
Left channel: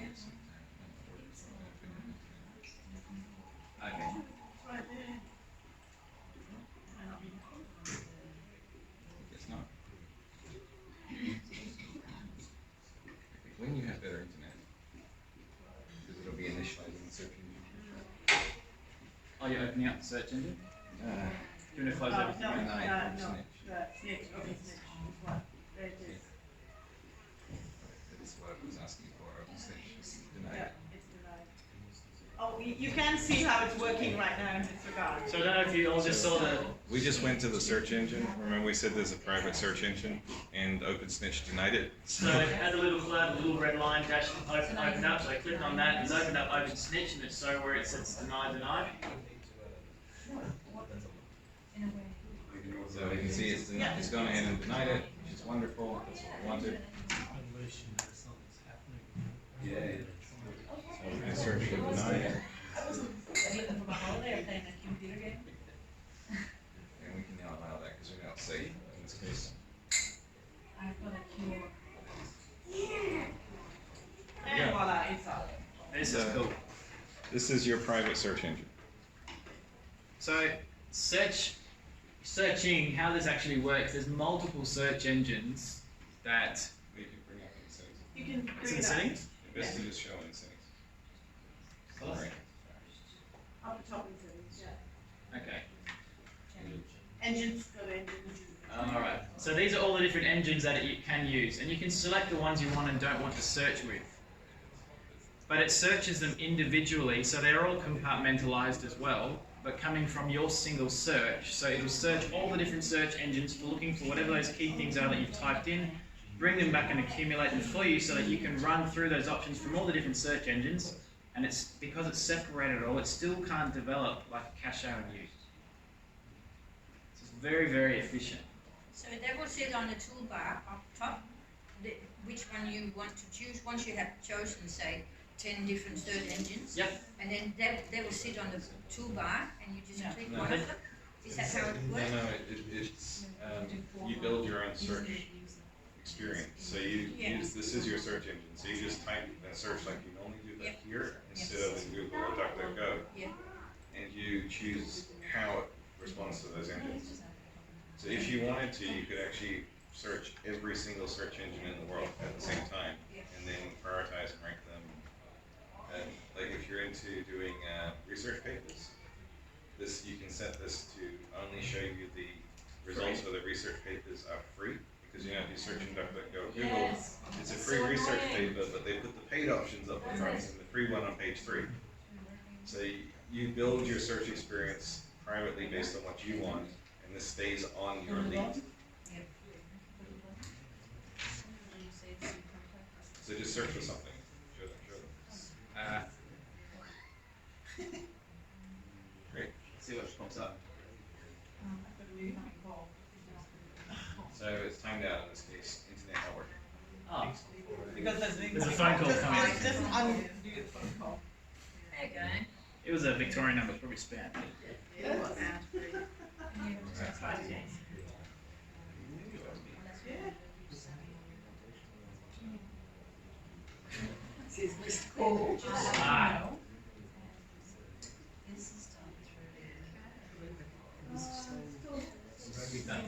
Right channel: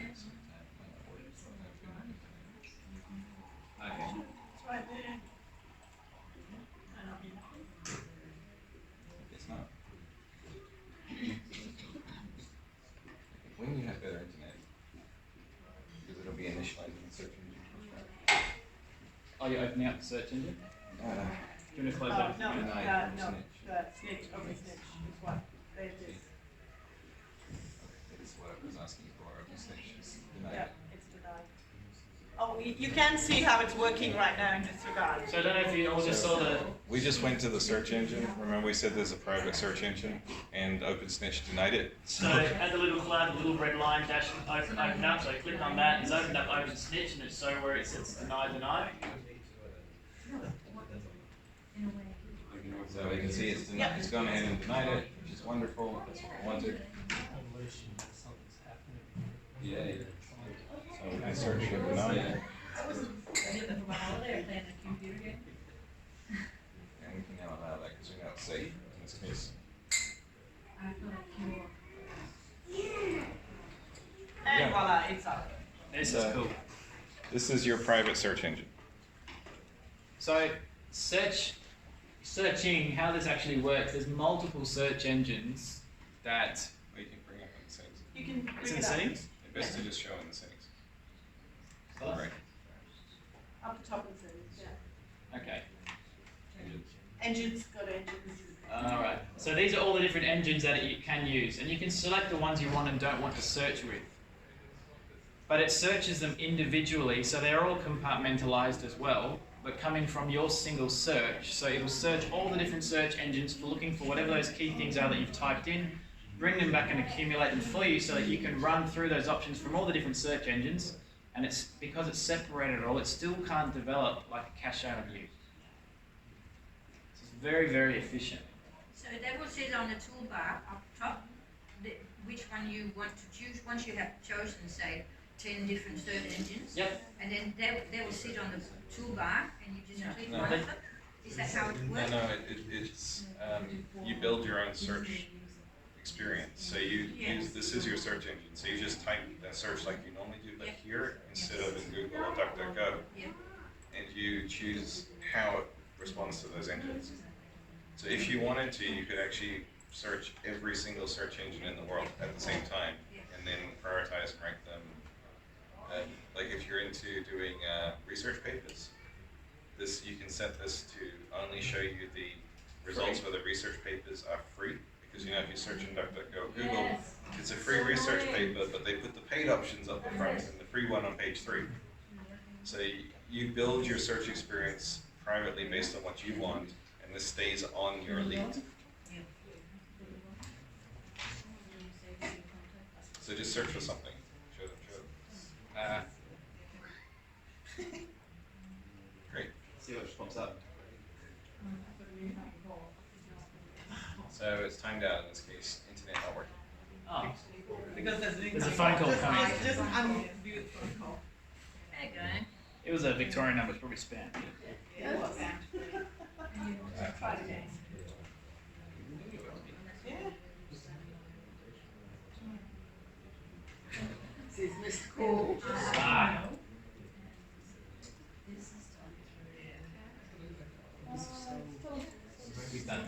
Okay. It's right there. It's not. When you have better internet, because it'll be initializing the search engine. Oh, you're opening up the search engine? Uh, Do you want to close everything No, down? no, Deny no, open no, snitch. snitch, open snitch, is what, there it is. That is what I was asking for. Open snitch. Deny Yeah, it. it's denied. Oh, you can see how it's working right now in this regard. So I don't know if you all just saw the. We just went to the search engine. Remember we said there's a private search engine, and OpenSnitch denied it. So it had a little flag, a little red line dash open up. So I clicked on that. It's opened up Open Snitch, and it's so where it says deny. So we can see it's denied. It's gone ahead and denied it, which is wonderful. That's what we wanted. Yeah. So we can search for deny it, and we can now allow that because we know it's safe in this case. And voila, it's out. This is cool. This is your private search engine. So searching, how this actually works, there's multiple search engines that. We can bring it in settings. You can It's bring in it up. settings? Best to just show in the settings. Right. Up the top in settings, yeah. Okay. Engines, got engines. Alright. So these are all the different engines that you can use, and you can select the ones you want and don't want to search with. But it searches them individually, so they're all compartmentalized as well, but coming from your single search. So it'll search all the different search engines for looking for whatever those key things are that you've typed in, bring them back and accumulate them for you so that you can run through those options from all the different search engines. And it's because it's separated all, it still can't develop like a cache out of you. So it's very, very efficient. So that will sit on the toolbar up top, which one you want to choose. Once you have chosen, say, 10 different search engines. Yep. And then they will sit on the toolbar and you just click No. one of them. Is that how it works? No, it's you build your own search experience. So you use this is your search engine. So you just type and search like you normally do, but here instead of in Google or DuckDuckGo, Yeah. and you choose how it responds to those engines. So if you wanted to, you could actually search every single search engine in the world at the same time, and then prioritize and rank them. Like if you're into doing research papers, you can set this to only show you the results for the research papers are free, because if you search in DuckDuckGo or Google, it's a free research paper, but they put the paid options up front and the free one on page 3. So you build your search experience privately based on what you want, and this stays on your lead. So just search for something. Show them. Great. See what pops up. So it's timed out in this case. Internet not working. Oh, Because there's a phone call coming. Just undo the phone call. There you go. It was a Victorian number, it's probably spam. It was. Try it again. Says Mr. Cole. Ah. Done.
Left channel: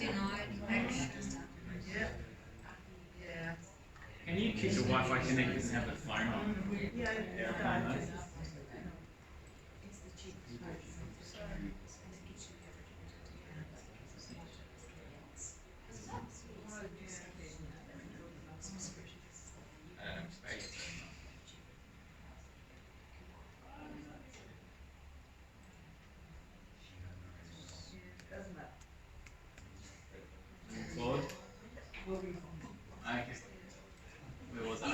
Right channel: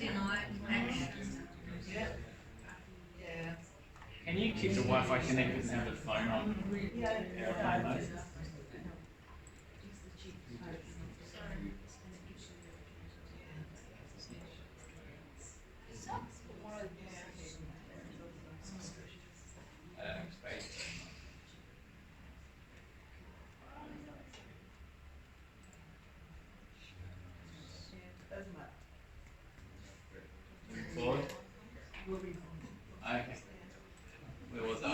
Denied action. keep the Wi-Fi connected and have the phone on airplane mode. Doesn't matter. Forward. Okay. Where was I?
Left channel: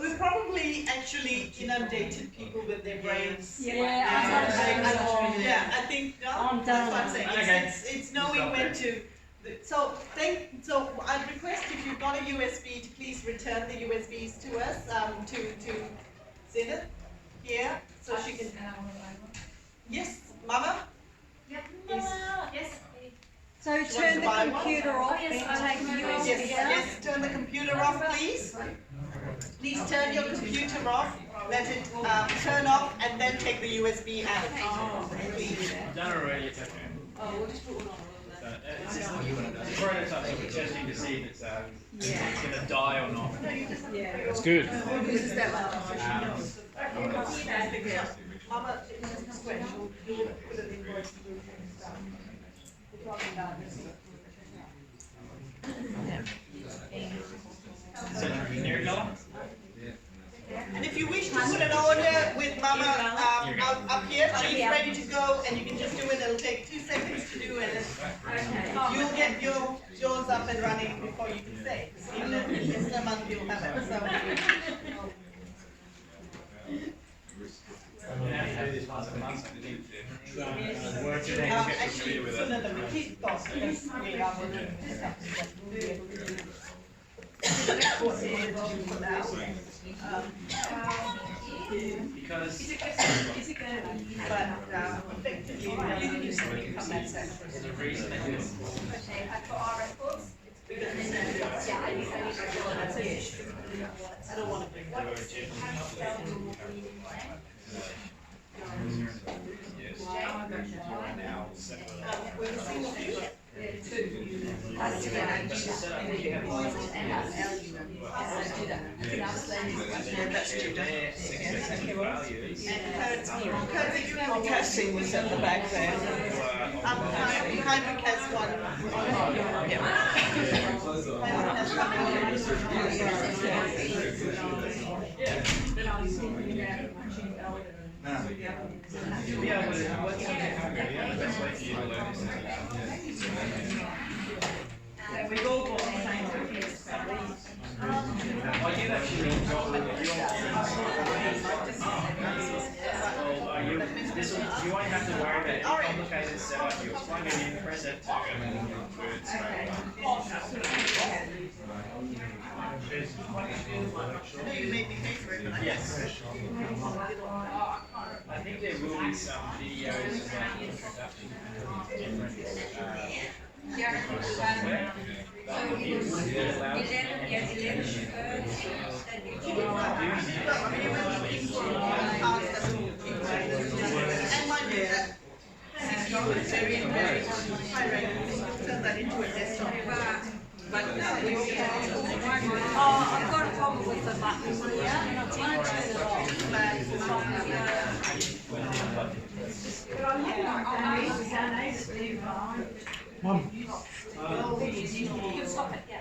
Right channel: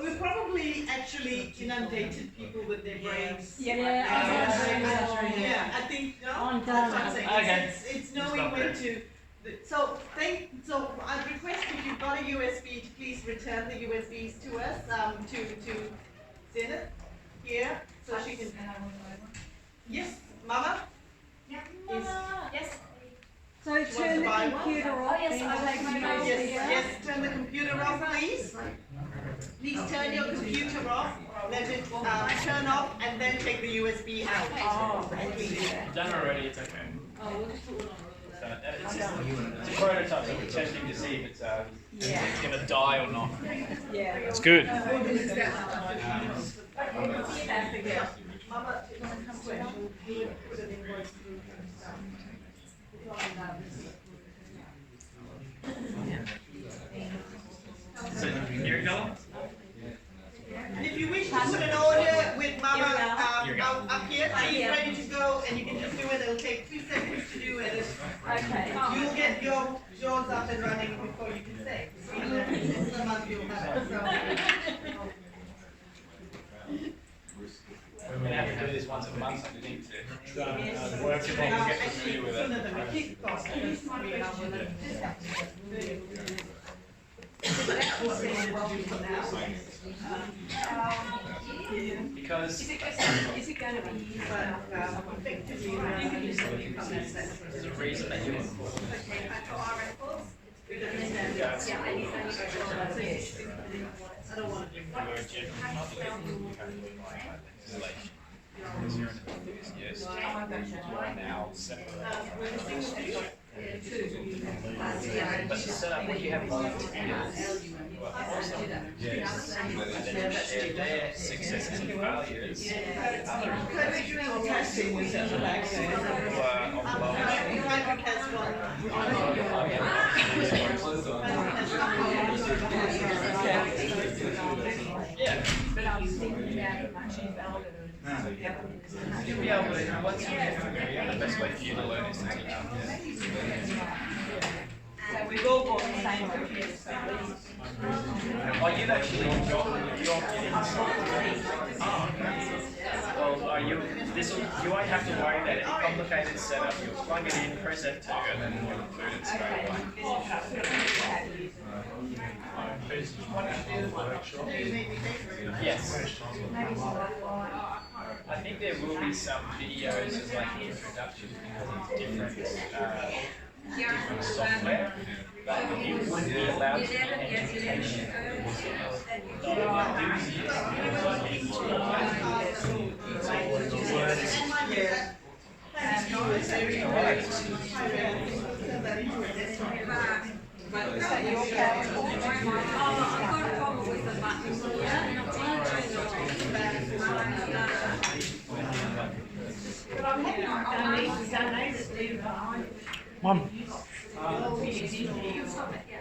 We probably actually inundated people with their brains. Yeah, Yeah, I think, no, I'm that's what I'm done. saying. Okay. It's knowing when to, so I'd request if you've got a USB to please return the USBs to us, to Zenith here, so she can. Yes, Mama? Yes. So turn the computer off and take the USB Yes, out. yes, turn the computer off, please. Please turn your computer off, let it turn off, and then take the USB out. I've done it already, it's okay. It's just a prototype, so we're testing to see if it's gonna die or not. Yeah. It's good. Mama, it was no question. Put an invoice through. So, Eric Dollar? And if you wish to put an order with Mama up here, she's ready to go, and you can just do it. It'll take 2 seconds to do it. You'll get yours up and running before you can say. In this month you'll have it. So. Actually, sooner than we keep talking. Because Is it going to be Effectively, you can just on that set? there's a reason they do it. I don't want to bring that. Casting was at the back there. Hybrid has one. You'll be able to, what's the best way for you to learn this thing about? We've all got the same computers. Are you actually, well, are you, this will, you won't have to worry about any complicated setup, you'll plug it in, press F2, and then it'll include it straight away. Yes. I think there will be some videos like introduction because it's different software. But it will be allowed to be I've got a problem with the buttons here, and I'm trying to turn it off. Mum. You can stop it, yeah.